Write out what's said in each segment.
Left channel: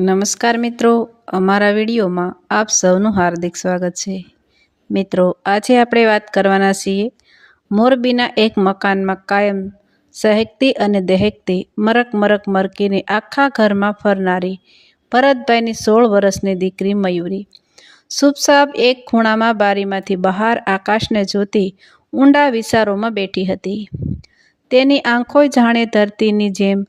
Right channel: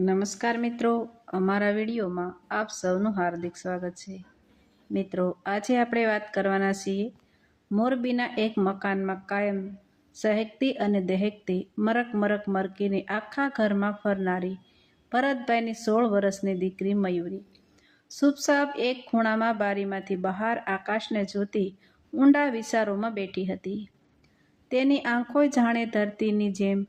નમસ્કાર મિત્રો, અમારા વિડીયોમાં આપ સૌનું હાર્દિક સ્વાગત છે। મિત્રો, આજે આપણે વાત કરવાના છીએ મોરબીના એક મકાનમાં કાયમ સહેકતી અને દહેકતી મરક મરકીને આખા ઘરમાં ફરનારી ભરતભાઈની 16 વર્ષની દીકરી મયુરી શુભસાબ એક ખૂણામાં બારીમાંથી બહાર આકાશને જોતી ઊંડા વિચારોમાં બેઠી હતી। તેની આંખો જાણે ધરતીની જેમ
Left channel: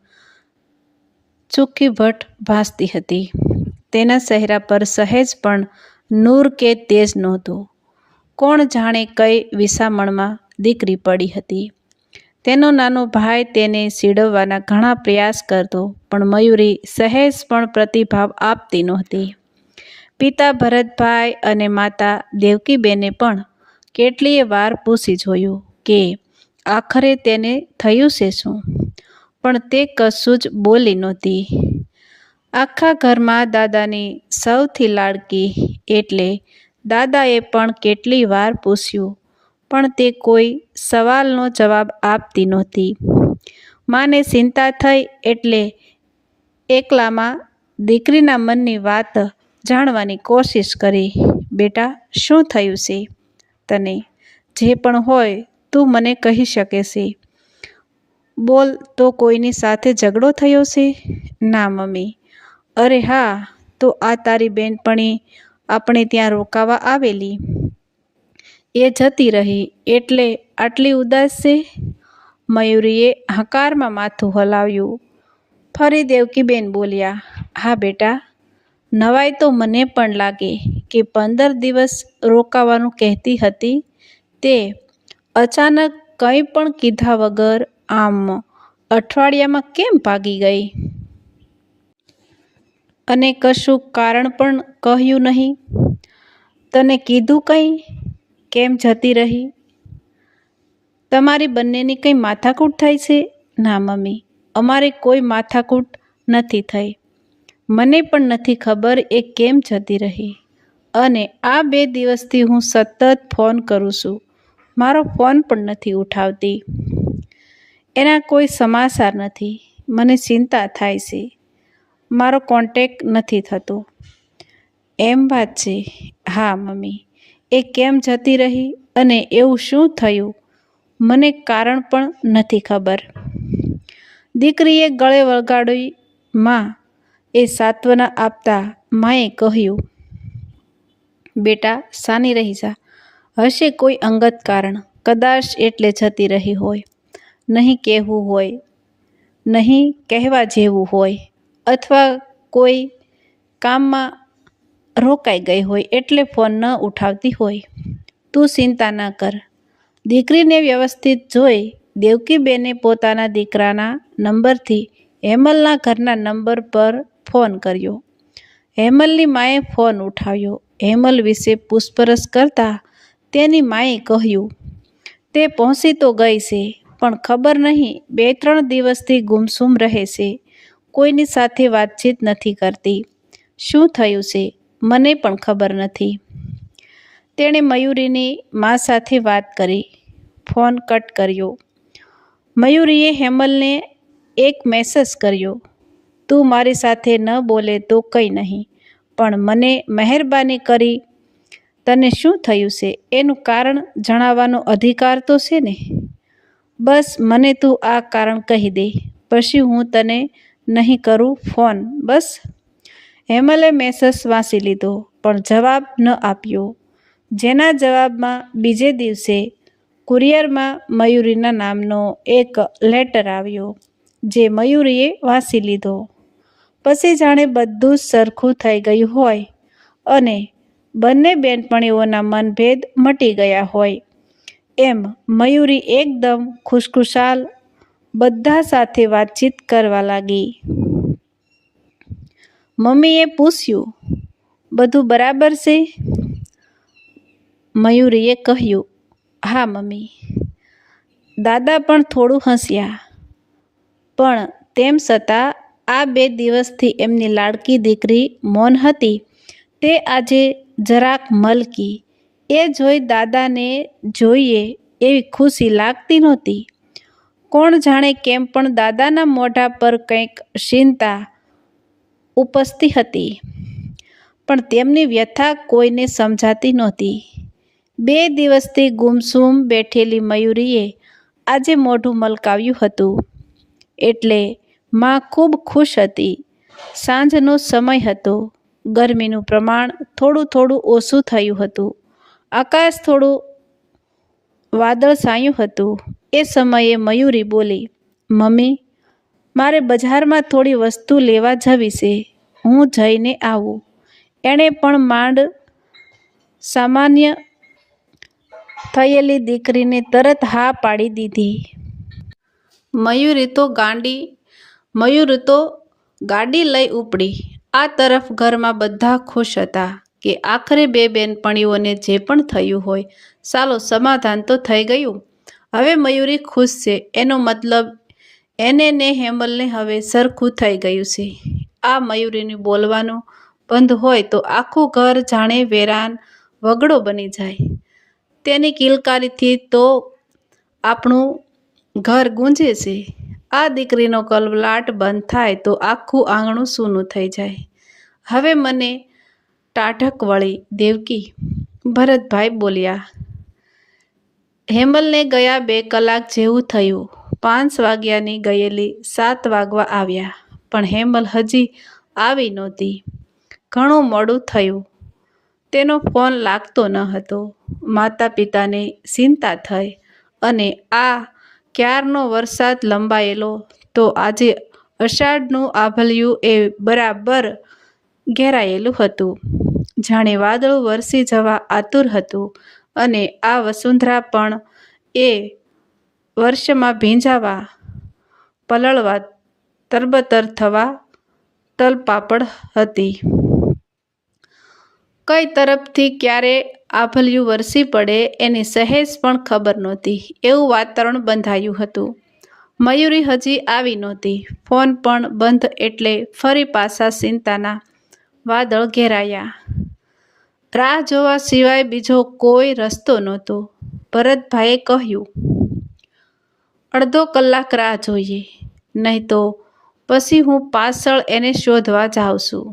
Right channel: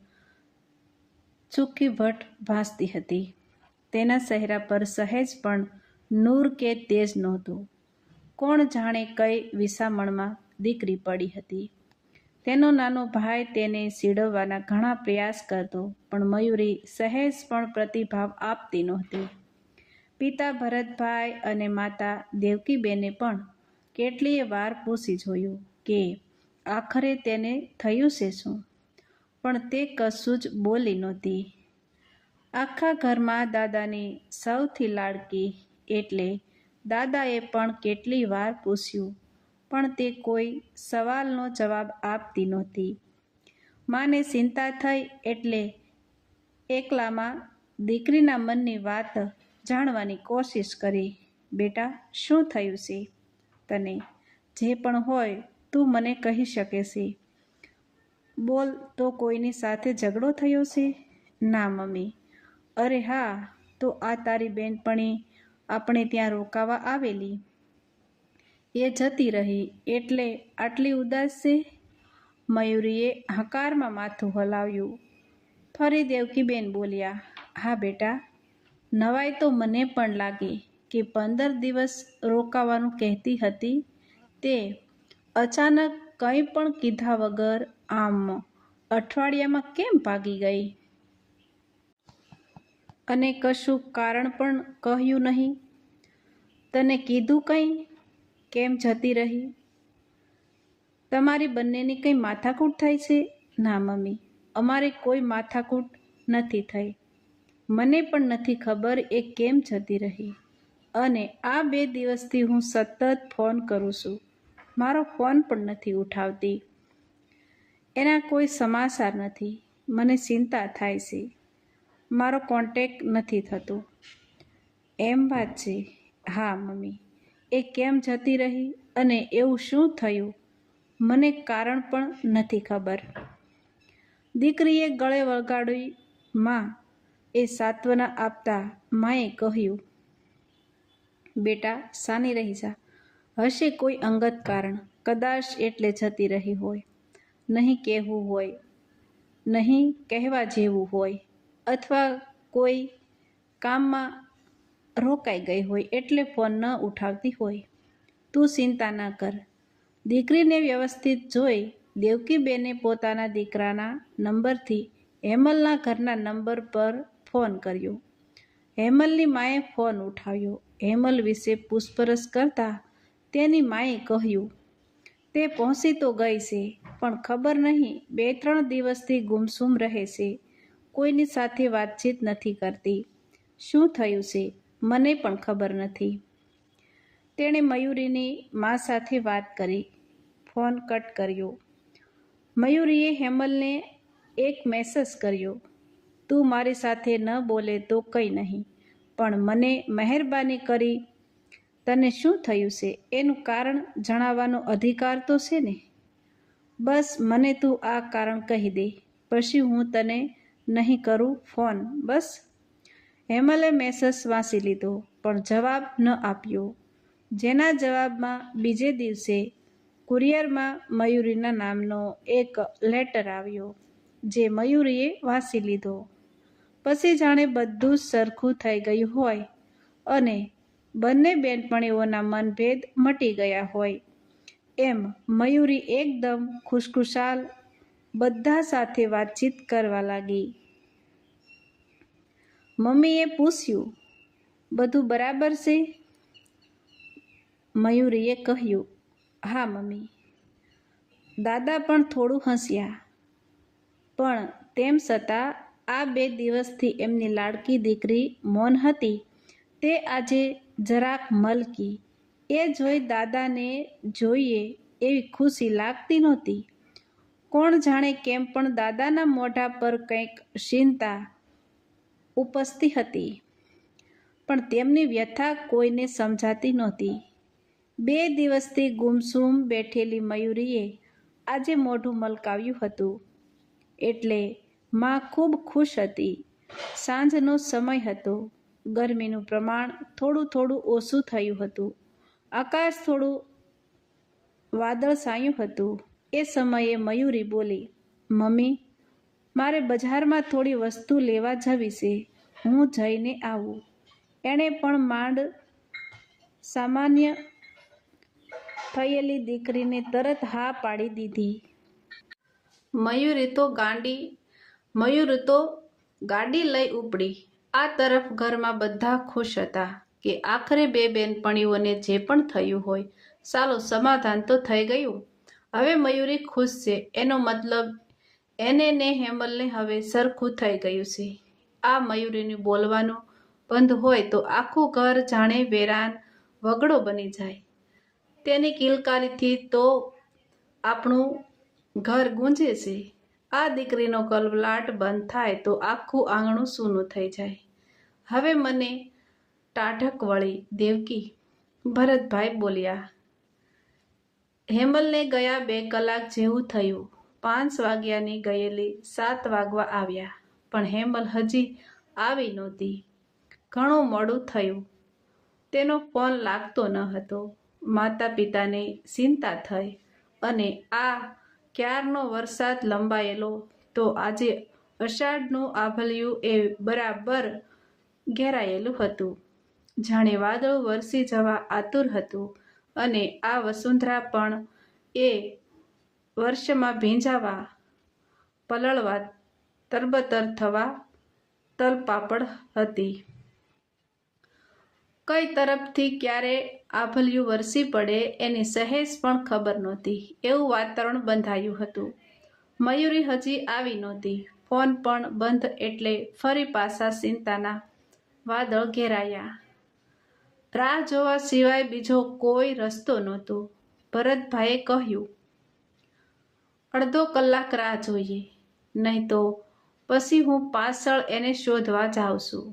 ચુક્કીભટ ભાસતી હતી। તેના ચહેરા પર સહેજ પણ નૂર કે તેજ નહોતું। કોણ જાણે કઈ વિસામણમાં દીકરી પડી હતી। તેનો નાનો ભાઈ તેને સીડવવાના ઘણા પ્રયાસ કરતો, પણ મયુરી સહેજ પણ પ્રતિભાવ આપતી નહોતી। પિતા ભરતભાઈ અને માતા દેવકીબેને પણ કેટલીય વાર પૂછી જોયું કે આખરે તેને થયું છે શું, પણ તે કશું જ બોલી નહોતી। આખા ઘરમાં દાદાની સૌથી લાડકી એટલે દાદાએ પણ કેટલી વાર પૂછ્યું, પણ તે કોઈ સવાલનો જવાબ આપતી નહોતી। માને ચિંતા થઈ એટલે એકલામાં દીકરીના મનની વાત જાણવાની કોશિશ કરી। બેટા, શું થયું છે તને? જે પણ હોય તું મને કહી શકે છે। બોલ, તો કોઈની સાથે ઝઘડો થયો છે? ના મમ્મી। અરે હા, તો આ તારી બેનપણી આપણે ત્યાં રોકાવા આવેલી, એ જતી રહી એટલે આટલી ઉદાસ છે? મયુરીએ હકારમાં માથું હલાવ્યું। ફરી દેવકીબેન બોલ્યા, હા બેટા, નવાઈ તો મને પણ લાગે કે 15 દિવસ રોકાવાનું કહેતી હતી તે અચાનક કંઈ પણ કીધા વગર આમ અઠવાડિયામાં કેમ ભાગી ગઈ? અને કશું કારણ પણ કહ્યું નહીં? તને કીધું કંઈ? કેમ જતી રહી? તમારી બંનેની કંઈ માથાકૂટ થઈ છે? ના મમ્મી, અમારે કોઈ માથાકૂટ નથી થઈ। મને પણ નથી ખબર એ કેમ જતી રહી, અને આ 2 દિવસથી હું સતત ફોન કરું છું, મારો ફોન પણ નથી ઉઠાવતી। એના કોઈ સમાચાર નથી, મને ચિંતા થાય છે, મારો કોન્ટેક્ટ નથી થતો। એમ વાત છે? હા મમ્મી, એ કેમ જતી રહી અને એવું શું થયું, મને કારણ પણ નથી ખબર। દીકરીએ ગળે વગાડી માં એ સાંત્વના આપતા માએ કહ્યું, બેટા સાની રહી જા, હશે કોઈ અંગત કારણ, કદાચ એટલે જતી રહી હોય, નહીં કહેવું હોય, નહીં કહેવા જેવું હોય, અથવા કોઈ કામમાં રોકાઈ ગઈ હોય એટલે ફોન ન ઉઠાવતી હોય। તું ચિંતા ન કર। દીકરીને વ્યવસ્થિત જોઈ દેવકીબેને પોતાના દીકરાના નંબરથી હેમલના ઘરના નંબર પર ફોન કર્યો। હેમલની માએ ફોન ઉઠાવ્યો। હેમલ વિશે પૂછપરછ કરતાં તેની માએ કહ્યું, તે પહોંચી તો ગઈ છે, પણ ખબર નહીં 2-3 દિવસથી ગુમસુમ રહે છે, કોઈની સાથે વાતચીત નથી કરતી। શું થયું છે મને પણ ખબર નથી। તેણે મયુરીની મા સાથે વાત કરી, ફોન કટ કર્યો। મયુરીએ હેમલને એક મેસેજ કર્યો, તું મારી સાથે ન બોલે તો કંઈ નહીં, પણ મને મહેરબાની કરી તને શું થયું છે એનું કારણ જણાવવાનો અધિકાર તો છે ને? બસ મને તું આ કારણ કહી દે, પછી હું તને નહીં કરું ફોન, બસ। હેમલે મેસેજ વાંચી લીધો, પણ જવાબ ન આપ્યો, જેના જવાબમાં બીજે દિવસે કુરિયરમાં મયુરીના નામનો એક લેટર આવ્યો, જે મયુરીએ વાંચી લીધો। પછી જાણે બધું જ સરખું થઈ ગયું હોય અને બંને બેનપણીઓના મનભેદ મટી ગયા હોય એમ મયુરી એકદમ ખુશખુશાલ બધા સાથે વાતચીત કરવા લાગી। મમ્મીએ પૂછ્યું, બધું બરાબર છે? મયુરીએ કહ્યું, હા મમ્મી। દાદા પણ થોડું હસ્યા, પણ તેમ છતાં આ 2 દિવસથી એમની લાડકી દીકરી મૌન હતી તે આજે જરાક મલકી। એ જોઈ દાદાને જોઈએ એવી ખુશી લાગતી નહોતી। કોણ જાણે કેમ પણ દાદાના મોઢા પર કંઈક ચિંતા ઉપસતી હતી, પણ તેમની વ્યથા કોઈને સમજાતી નહોતી. 2 દિવસથી ગુમસુમ બેઠેલી મયુરીએ આજે મોઢું મલકાવ્યું હતું, એટલે માં ખૂબ ખુશ હતી. સાંજનો સમય હતો. ગરમીનું પ્રમાણ થોડું થોડું ઓછું થયું હતું. આકાશ થોડું વાદળછાયું હતું. એ સમયે મયુરી બોલી, મમ્મી, મારે બજારમાં થોડી વસ્તુ લેવા જવી છે. હું જઈને આવું. એણે પણ માંડ સામાન્ય થયેલી દીકરીને તરત હા પાડી દીધી. મયુર તો ગાડી લઈ ઉપડી. આ તરફ ઘરમાં બધા ખુશ હતા કે આખરે 2 બેનપણીઓને જે પણ થયું હોય, ચાલો સમાધાન તો થઈ ગયું. હવે મયુરી ખુશ છે, એનો મતલબ એને ને હેમલને હવે સરખું થઈ ગયું છે. આ મયુરીનું બોલવાનું બંધ હોય તો આખું ઘર જાણે વેરાન વગડો બની જાય. તેની કિલકારીથી તો આપણું ઘર ગુંજે છે. આ દીકરીનો કલબલાટ બંધ થાય તો આખું આંગણું સૂનું થઈ જાય. હવે મને ટાઢક વળી, દેવકી, ભરતભાઈ બોલ્યા. હેમલને ગયા 2 કલાક જેવું થયું. 5 વાગ્યાની ગયેલી 7 વાગવા આવ્યા, પણ હેમલ હજી આવી નહોતી. ઘણું મોડું થયું. તેનો ફોન લાગતો ન હતો. માતા પિતાને ચિંતા થઈ, અને આ ક્યારનો વરસાદ લંબાયેલો તો આજે અષાઢનું આભલિયું એ બરાબર ઘેરાયેલું હતું. જાણે વાદળું વરસી જવા આતુર હતું, અને આ વસુંધરા પણ એ વર્ષમાં ભીંજાવા, પલળવા, તરબતર થવા તલપાપડ હતી. કઈ તરફથી ક્યારે આભલિયું વરસી પડે એની સહેજ પણ ખબર નહોતી. એવું વાતાવરણ બંધાયું હતું. મયુરી હજી આવી નહોતી. ફોન પણ બંધ એટલે ફરી પાછા ચિંતાના વાદળ ઘેરાયા. રાહ જોવા સિવાય બીજો કોઈ રસ્તો નહોતો. ભરતભાઈએ કહ્યું, અડધો કલાક રાહ જોઈએ, નહીં તો પછી હું પાછળ એને શોધવા જાઉં છું.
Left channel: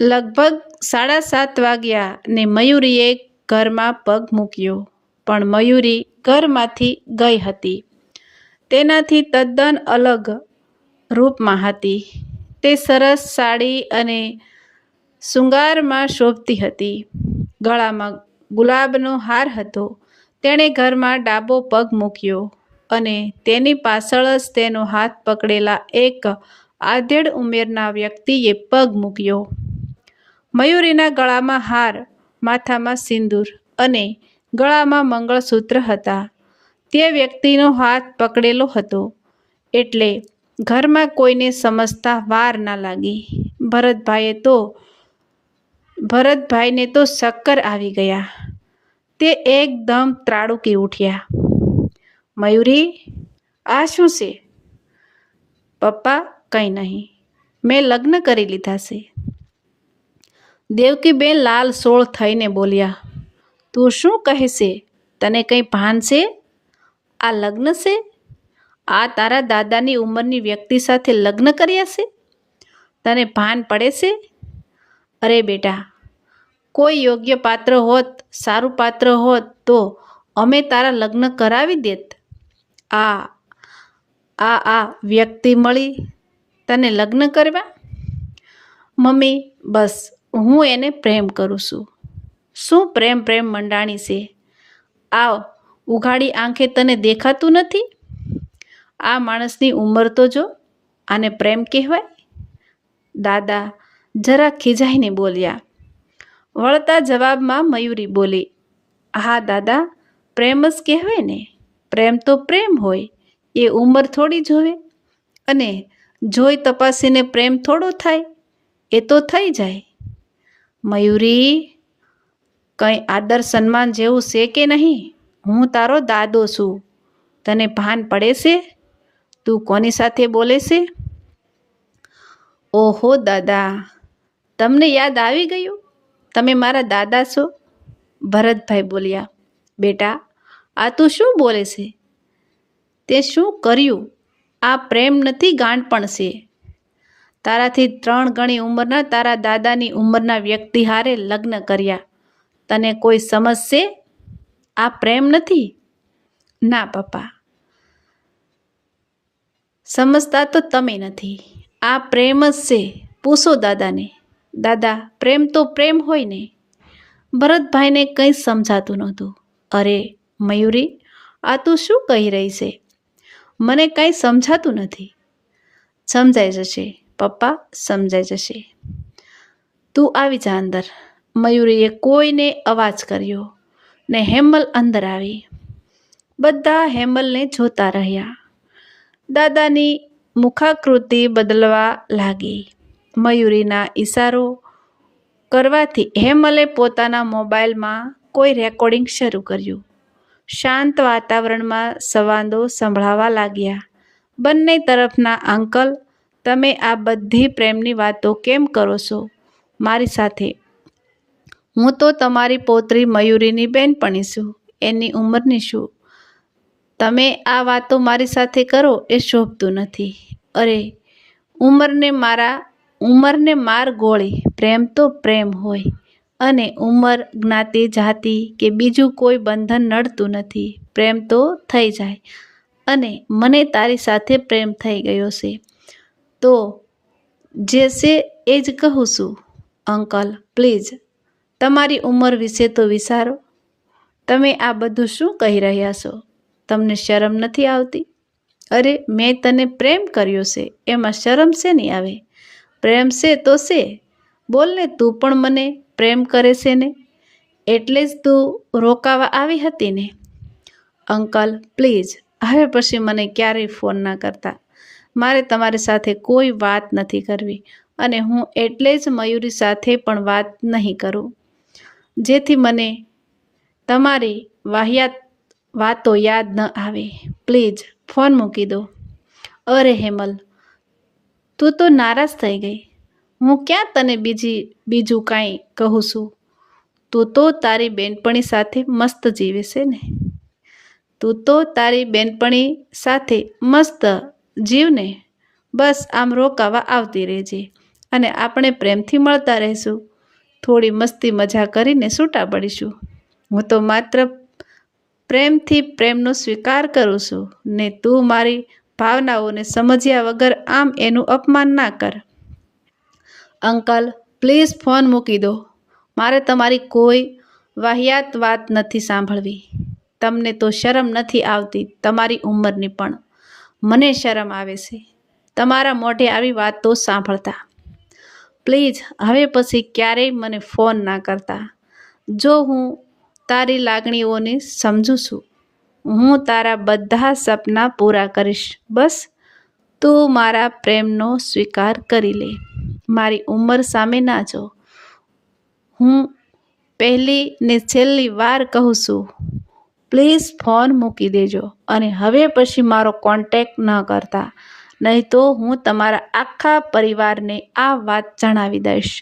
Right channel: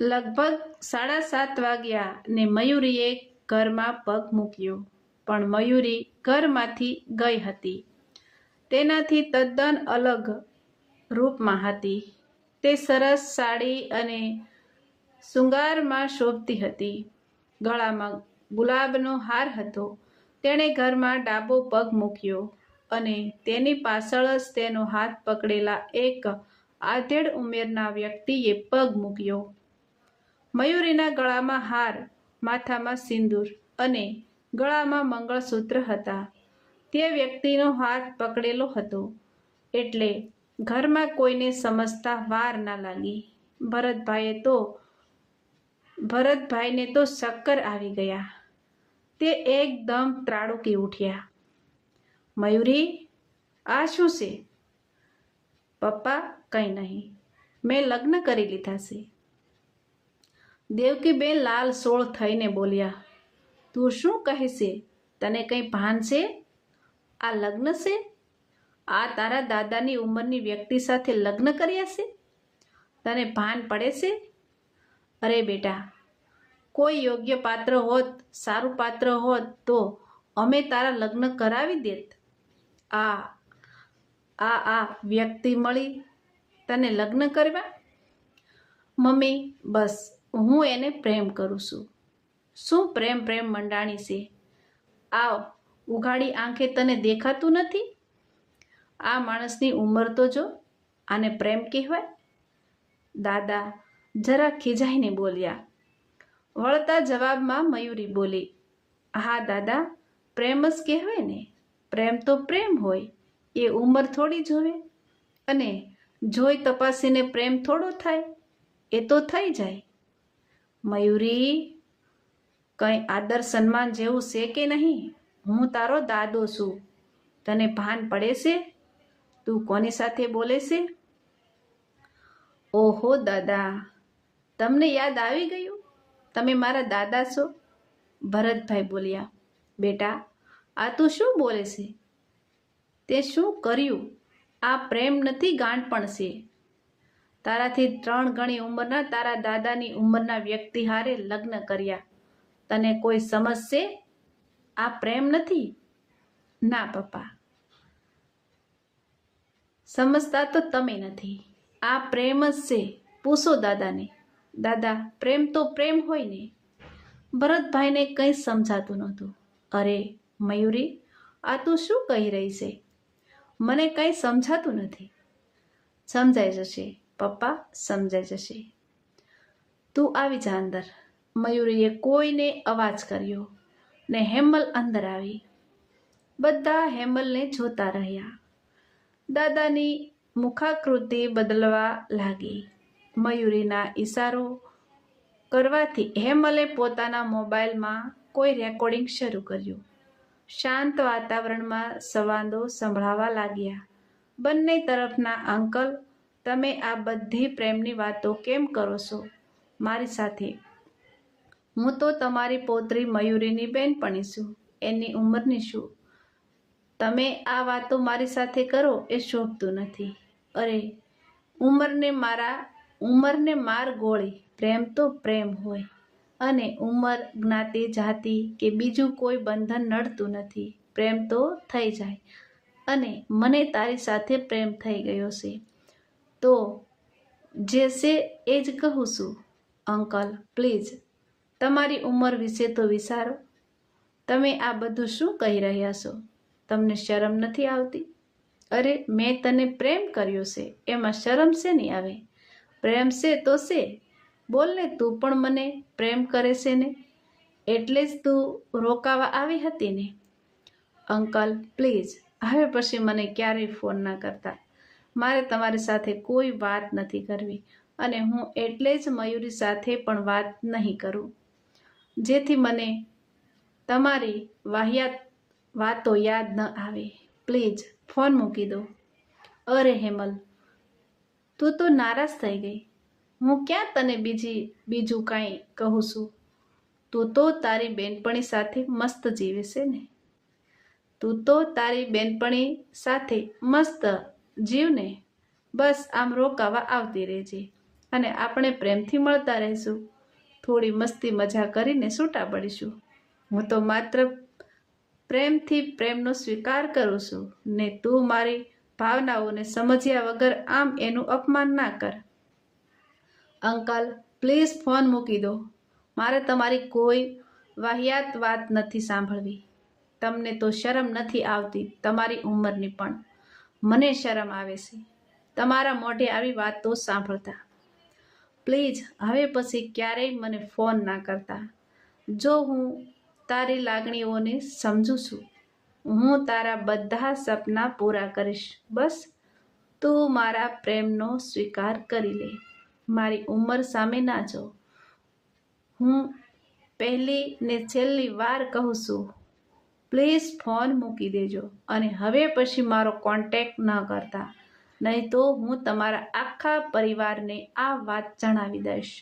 લગભગ 7:30 વાગ્યા ને મયુરીએ ઘરમાં પગ મૂક્યો. પણ મયુરી ઘરમાંથી ગઈ હતી. તેનાથી તદ્દન અલગ રૂપમાં હતી. તે સરસ સાડી અને શૃંગારમાં શોભતી હતી. ગળામાં ગુલાબનો હાર હતો. તેણે ઘરમાં ડાબો પગ મૂક્યો, અને તેની પાછળ જ તેનો હાથ પકડેલા એક આધેડ ઉંમરના વ્યક્તિએ પગ મૂક્યો. મયુરીના ગળામાં હાર, માથામાં સિંદૂર અને ગળામાં મંગળસૂત્ર હતા. તે વ્યક્તિનો હાથ પકડેલો હતો, એટલે ઘરમાં કોઈને સમજતા વાર ના લાગી. ભરતભાઈને તો ચક્કર આવી ગયા. તે એકદમ ત્રાડુકી ઉઠ્યા. મયુરી, આ શું છે? પપ્પા, કંઈ નહીં, મેં લગ્ન કરી લીધા છે. દેવકીબેન લાલ સોળ થઈને બોલ્યા. તું શું કહે છે? તને કંઈ ભાન છે? આ લગ્ન છે? આ તારા દાદાની ઉંમરની વ્યક્તિ સાથે લગ્ન કર્યા છે? તને ભાન પડે છે? અરે બેટા, કોઈ યોગ્ય પાત્ર હોત, સારું પાત્ર હોત તો અમે તારા લગ્ન કરાવી દેત. આ વ્યક્તિ મળી તને લગ્ન કરવા? મમ્મી, બસ હું એને પ્રેમ કરું છું. શું પ્રેમ મંડાણી છે? આ ઉઘાડી આંખે તને દેખાતું નથી? આ માણસની ઉંમર તો જો, આને પ્રેમ કહેવાય? દાદા જરા ખીજાઈને બોલ્યા. વળતા જવાબમાં મયુરી બોલી, હા દાદા, પ્રેમ જ કહેવાય ને. પ્રેમ તો પ્રેમ હોય, એ ઉંમર થોડી જોવે, અને જોઈ તપાસીને પ્રેમ થોડો થાય? એ તો થઈ જાય. મયુરી, કંઈ આદર સન્માન જેવું છે કે નહીં? હું તારો દાદો છું. તને ભાન પડે છે? તું કોની સાથે બોલે છે? ઓહો દાદા, તમને યાદ આવી ગયું? તમે મારા દાદા છો? ભરતભાઈ બોલ્યા. બેટા, આ તું શું બોલે છે? તે શું કર્યું? આ પ્રેમ નથી, ગાંડપણ છે. તારાથી 3 ગણી ઉંમરના તારા દાદાની ઉંમરના વ્યક્તિ હારે લગ્ન કર્યા. તને કોઈ સમજશે? આ પ્રેમ નથી. ના પપ્પા, સમજતા તો તમે નથી. આ પ્રેમ જ છે. પૂછો દાદાને. દાદા, પ્રેમ તો પ્રેમ હોય ને. ભરતભાઈને કંઈ સમજાતું નહોતું. અરે મયુરી, આ તું શું કહી રહી છે? મને કાંઈ સમજાતું નથી. સમજાઈ જશે પપ્પા, સમજાઈ જશે. તું આવી જા અંદર. મયુરીએ કોઈને અવાજ કર્યો ને હેમલ અંદર આવી. બધા હેમલને જોતા રહ્યા. દાદાની મુખાકૃતિ બદલવા લાગી. મયુરીના ઈશારો કરવાથી હેમલે પોતાના મોબાઈલમાં કોઈ રેકોર્ડિંગ શરૂ કર્યું. શાંત વાતાવરણમાં સંવાદો સંભળાવા લાગ્યા. બંને તરફના અંકલ, તમે આ બધી પ્રેમની વાતો કેમ કરો છો મારી સાથે? હું તો તમારી પૌત્રી મયુરીની બહેનપણી છું, એની ઉંમરની છું. તમે આ વાતો મારી સાથે કરો એ શોભતું નથી. અરે ઉંમરને માર ગોળી. પ્રેમ તો પ્રેમ હોય અને ઉંમર, જ્ઞાતિ, જાતિ કે બીજું કોઈ બંધન નડતું નથી. પ્રેમ તો થઈ જાય અને મને તારી સાથે પ્રેમ થઈ ગયો છે તો જે છે એ જ કહું છું. અંકલ પ્લીઝ, તમારી ઉંમર વિશે તો વિચારો. તમે આ બધું શું કહી રહ્યા છો? તમને શરમ નથી આવતી? અરે મેં તને પ્રેમ કર્યો છે, એમાં શરમ શેની આવે? પ્રેમ છે તો છે. બોલને, તું પણ મને પ્રેમ કરે છે ને? એટલે જ તું રોકાવા આવી હતી ને? અંકલ પ્લીઝ, હવે પછી મને ક્યારેય ફોન ના કરતા. મારે તમારી સાથે કોઈ વાત નથી કરવી અને હું એટલે જ મયુરી સાથે પણ વાત નહીં કરું, જેથી મને તમારી વાહિયાત વાતો યાદ ન આવે. પ્લીઝ ફોન મૂકી દો. અરે હેમલ, તું તો નારાજ થઈ ગઈ. હું ક્યાં તને બીજું કાંઈ કહું છું? તું તો તારી બેનપણી સાથે મસ્ત જીવે છે ને? તું તો તારી બેનપણી સાથે મસ્ત જીવને. બસ આમ રોકાવા આવતી રહેજે અને આપણે પ્રેમથી મળતા રહીશું. થોડી મસ્તી મજા કરીને છૂટા પડીશું. હું તો માત્ર પ્રેમથી પ્રેમનો સ્વીકાર કરું છું ને તું મારી ભાવનાઓને સમજ્યા વગર આમ એનું અપમાન ના કર. અંકલ પ્લીઝ ફોન મૂકી દો. મારે તમારી કોઈ વાહિયાત વાત નથી સાંભળવી. તમને તો શરમ નથી આવતી તમારી ઉંમરની પણ. મને શરમ આવે છે તમારા મોઢે આવી વાતો સાંભળતા. પ્લીઝ હવે પછી ક્યારેય મને ફોન ના કરતા. જો હું તારી લાગણીઓને સમજું છું. હું તારા બધા સપના પૂરા કરીશ. બસ તું મારા પ્રેમનો સ્વીકાર કરી લે. મારી ઉંમર સામે ના જો. હું પહેલી ને છેલ્લી વાર કહું છું, પ્લીઝ ફોન મૂકી દેજો અને હવે પછી મારો કોન્ટેક્ટ ન કરતા. નહીં તો હું તમારા આખા પરિવારને આ વાત જણાવી દઈશ.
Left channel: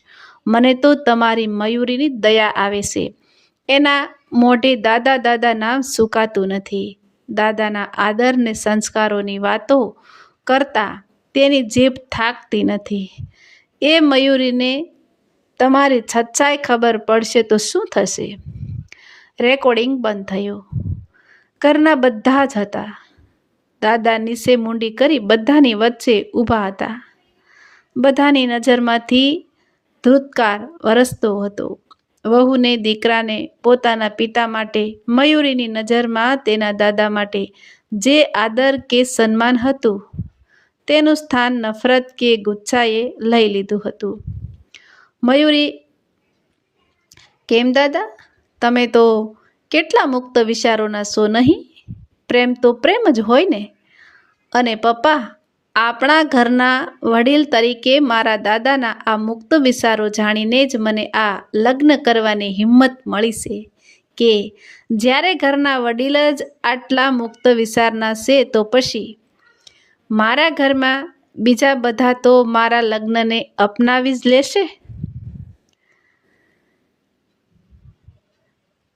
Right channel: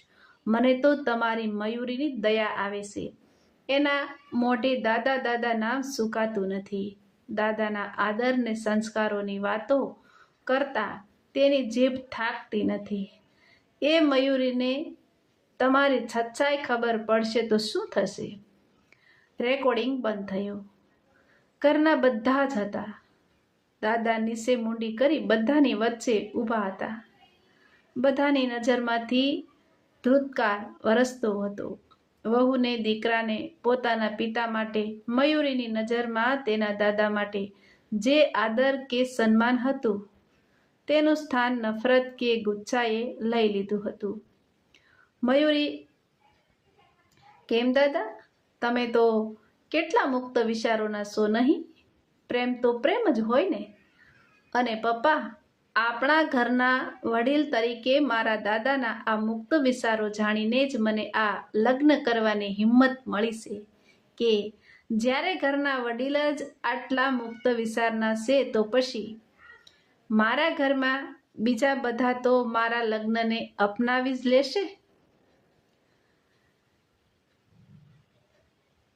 મને તો તમારી મયુરીની દયા આવે છે. એના મોઢે દાદા નામ સુકાતું નથી. દાદાના આદર ને સંસ્કારોની વાતો કરતાં તેની જીભ થાકતી નથી. એ મયુરીને તમારી સચ્ચાઈ ખબર પડશે તો શું થશે? રેકોર્ડિંગ બંધ થયું. ઘરના બધા જ હતા. દાદા નીચે મૂંડી કરી બધાની વચ્ચે ઊભા હતા. બધાની નજરમાંથી ધ્રુતકાર વરસતો હતો. વહુને, દીકરાને, પોતાના પિતા માટે, મયુરીની નજરમાં તેના દાદા માટે જે આદર કે સન્માન હતું તેનું સ્થાન નફરત કે ગુસ્સાએ લઈ લીધું હતું. મયુરી, કેમ દાદા, તમે તો કેટલા મુક્ત વિચારોના છો નહીં? પ્રેમ તો પ્રેમ જ હોય ને? અને પપ્પા, આપણા ઘરના વડીલ તરીકે મારા દાદાના આ મુક્ત વિચારો જાણીને જ મને આ લગ્ન કરવાની હિંમત મળી છે કે જ્યારે ઘરના વડીલ જ આટલા મુક્ત વિચારના છે તો પછી મારા ઘરમાં બીજા બધા તો મારા લગ્નને અપનાવી જ લેશે.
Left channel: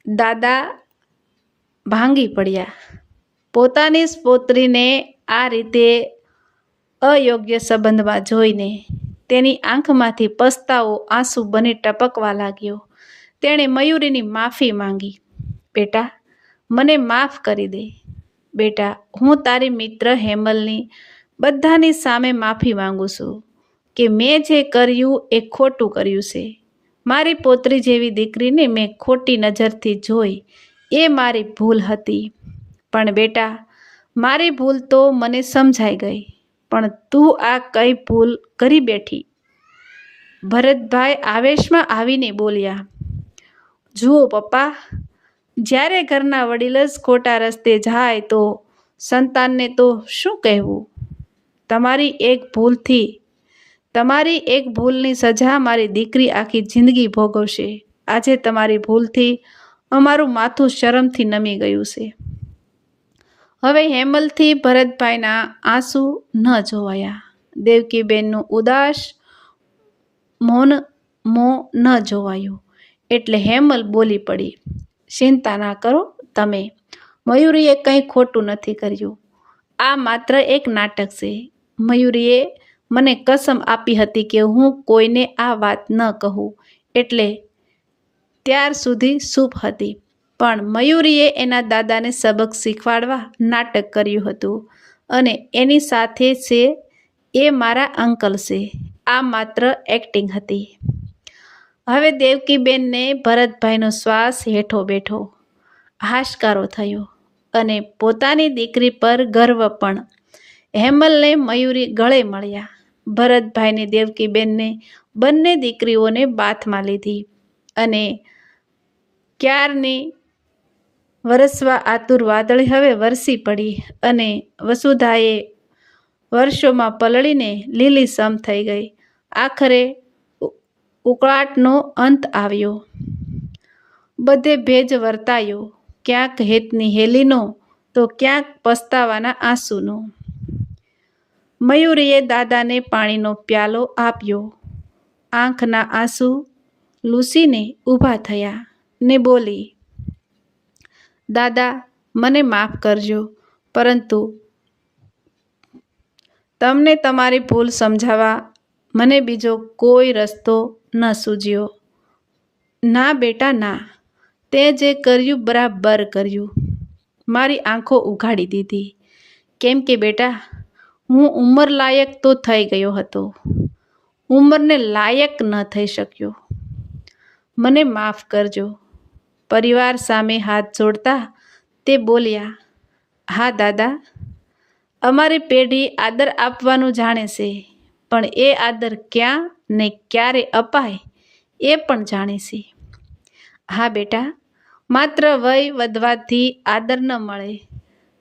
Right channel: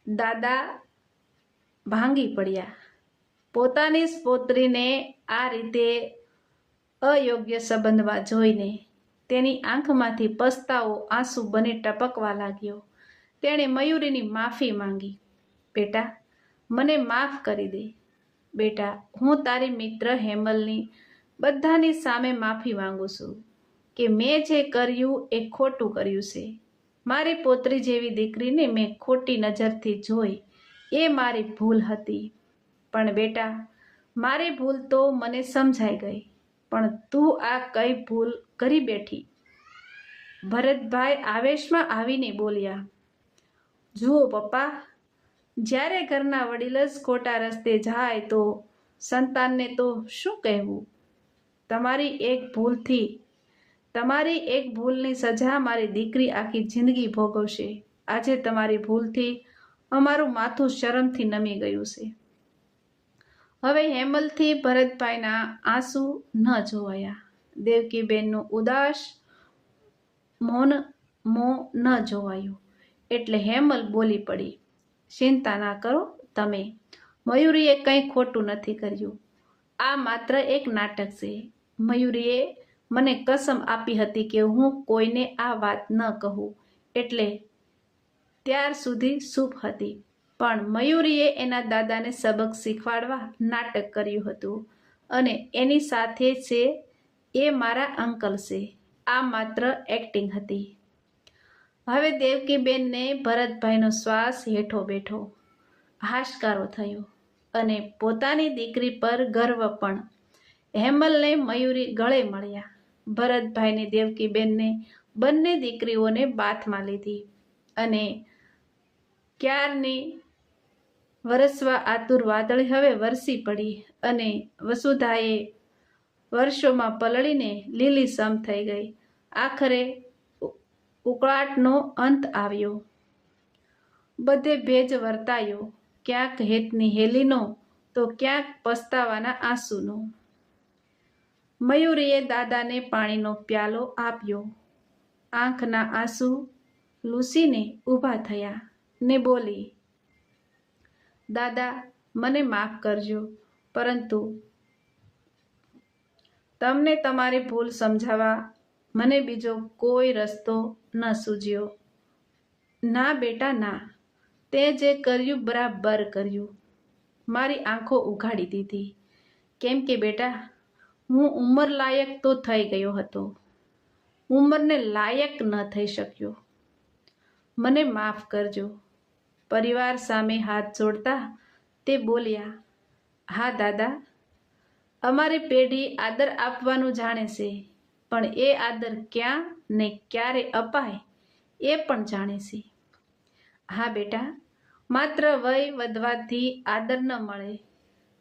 દાદા ભાંગી પડ્યા. પોતાની પૌત્રીને આ રીતે અયોગ્ય સંબંધમાં જોઈને તેની આંખમાંથી પસ્તાવો આંસુ બની ટપકવા લાગ્યો. તેણે મયુરીની માફી માંગી. બેટા, મને માફ કરી દે. બેટા, હું તારી મિત્ર હેમલની બધાની સામે માફી માંગુ છું કે મેં જે કર્યું એ ખોટું કર્યું છે. મારી પોતરી જેવી દીકરીને મેં ખોટી નજરથી જોઈ, એ મારી ભૂલ હતી. પણ બેટા, મારી ભૂલ તો મને સમજાઈ ગઈ, પણ તું આ કઈ ભૂલ કરી બેઠી? ભરતભાઈ આવેશમાં આવીને બોલ્યા. જુઓ પપ્પા, જ્યારે ઘરના વડીલ જ ખોટા રસ્તે જાય તો સંતાનને તો શું કહેવું? તમારી એક ભૂલની સજા મારી દીકરી આખી જિંદગી ભોગવશે. આજે તમારી ભૂલથી અમારું માથું શરમથી નમી ગયું છે. હવે હેમલથી ભરતભાઈના આંસુ ન જોવાયા. દેવકીબેનનું ઉદાસ મૌન ન જોવાયું એટલે હેમલ બોલી પડી. ચિંતા ના કરો તમે. મયુરીએ કંઈ ખોટું નથી કર્યું. આ માત્ર એક નાટક છે. મયુરીએ મને કસમ આપી હતી કે હું કોઈને આ વાત ન કહું, એટલે ત્યાર સુધી ચૂપ હતી. પણ મયુરીએ એના દાદાને સબક શીખવાડવા નાટક કર્યું હતું અને એની સાથે છે એ મારા અંકલ છે. આ માત્ર એક્ટિંગ હતી. હવે દેવકીબેનને ભરતભાઈનો શ્વાસ હેઠો બેઠો હાશકારો થયો અને પોતાની દીકરી પર ગર્વ પણ. હેમલને મયુરી ગળે મળ્યા. ભરતભાઈને દેવકીબેનને બંને દીકરીઓને બાથમાં લીધી અને ક્યારની વરસવા આતુર વાદળી હવે વરસી પડી અને વસુધાએ વર્ષોમાં પલળીને લીલીછમ થઈ ગઈ. આખરે ઉકળાટનો અંત આવ્યો. બધે ભેજ વર્તાયો, ક્યાંક હેતની હેલીનો તો ક્યાંક પસ્તાવાના આંસુનો. મયુરીએ દાદાને પાણીનો પ્યાલો આપ્યો. આંખના આંસુ લૂસીને ઊભા થયા ને બોલી, દાદા, મને માફ કરજો, પરંતુ તમને તમારી ભૂલ સમજાવવા મને બીજો કોઈ રસ્તો ન સૂઝ્યો. ના બેટા ના, તે જે કર્યું બરાબર કર્યું. મારી આંખો ઉઘાડી દીધી. કેમ કે બેટા, હું ઉંમર લાયક તો થઈ ગયો હતો, ઉંમરને લાયક ન થઈ શક્યો. મને માફ કરજો. પરિવાર સામે હાથ જોડતા તે બોલ્યા. હા દાદા, અમારી પેઢી આદર આપવાનું જાણે છે, પણ એ આદર ક્યાં ને ક્યારે અપાય એ પણ જાણે છે. હા બેટા, માત્ર વય વધવાથી આદર ન મળે.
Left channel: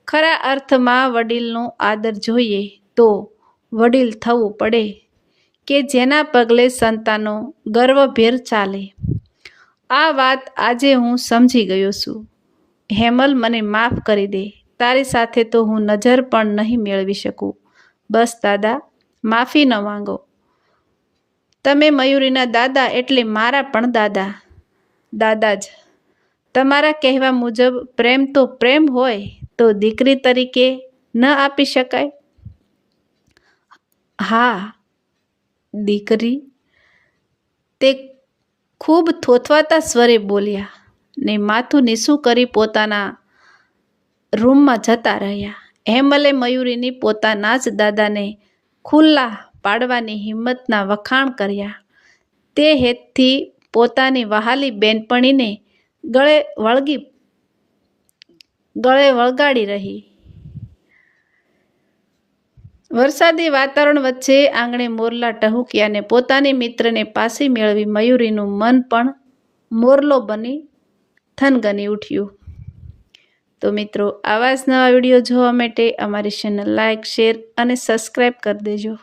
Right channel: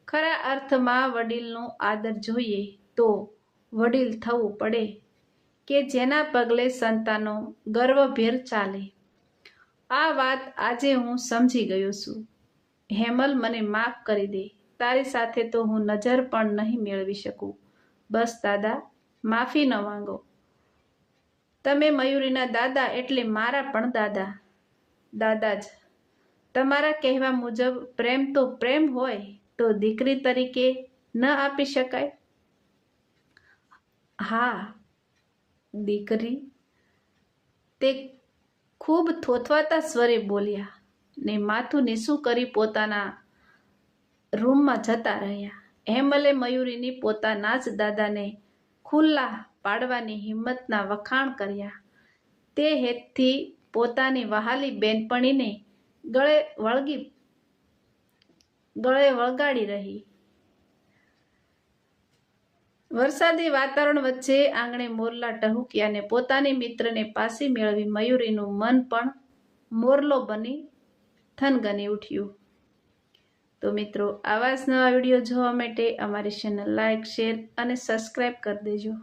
ખરા અર્થમાં વડીલનો આદર જોઈએ તો વડીલ થવું પડે કે જેના પગલે સંતાનો ગર્વભેર ચાલે. આ વાત આજે હું સમજી ગયો છું. હેમલ, મને માફ કરી દે. તારી સાથે તો હું નજર પણ નહીં મેળવી શકું. બસ દાદા, માફી ન માંગો. તમે મયુરીના દાદા એટલે મારા પણ દાદા. દાદા જ. તમારા કહેવા મુજબ પ્રેમ તો પ્રેમ હોય તો દીકરી તરીકે ન આપી શકાય? હા, દીકરી, તે ખૂબ થોથવાતા સ્વરે બોલ્યા ને માથું નીચું કરી પોતાના રૂમમાં જતા રહ્યા. હેમલે મયુરીની પોતાના જ દાદાને ખુલ્લા પાડવાની હિંમતના વખાણ કર્યા. તે હેતથી પોતાની વહાલી બેનપણીને ગળે વળગાડી રહી. વરસાદી વાતાવરણ વચ્ચે આંગણે મોરલા ટહુક્યા ને પોતાની મિત્રને પાછી મેળવી મયુરીનું મન પણ મોરલો બની થનગની ઉઠ્યું. તો મિત્રો, આવા જ નવા વિડીયો જોવા માટે અમારી ચેનલ લાઇક, શેર અને સબસ્ક્રાઈબ કરી દેજો.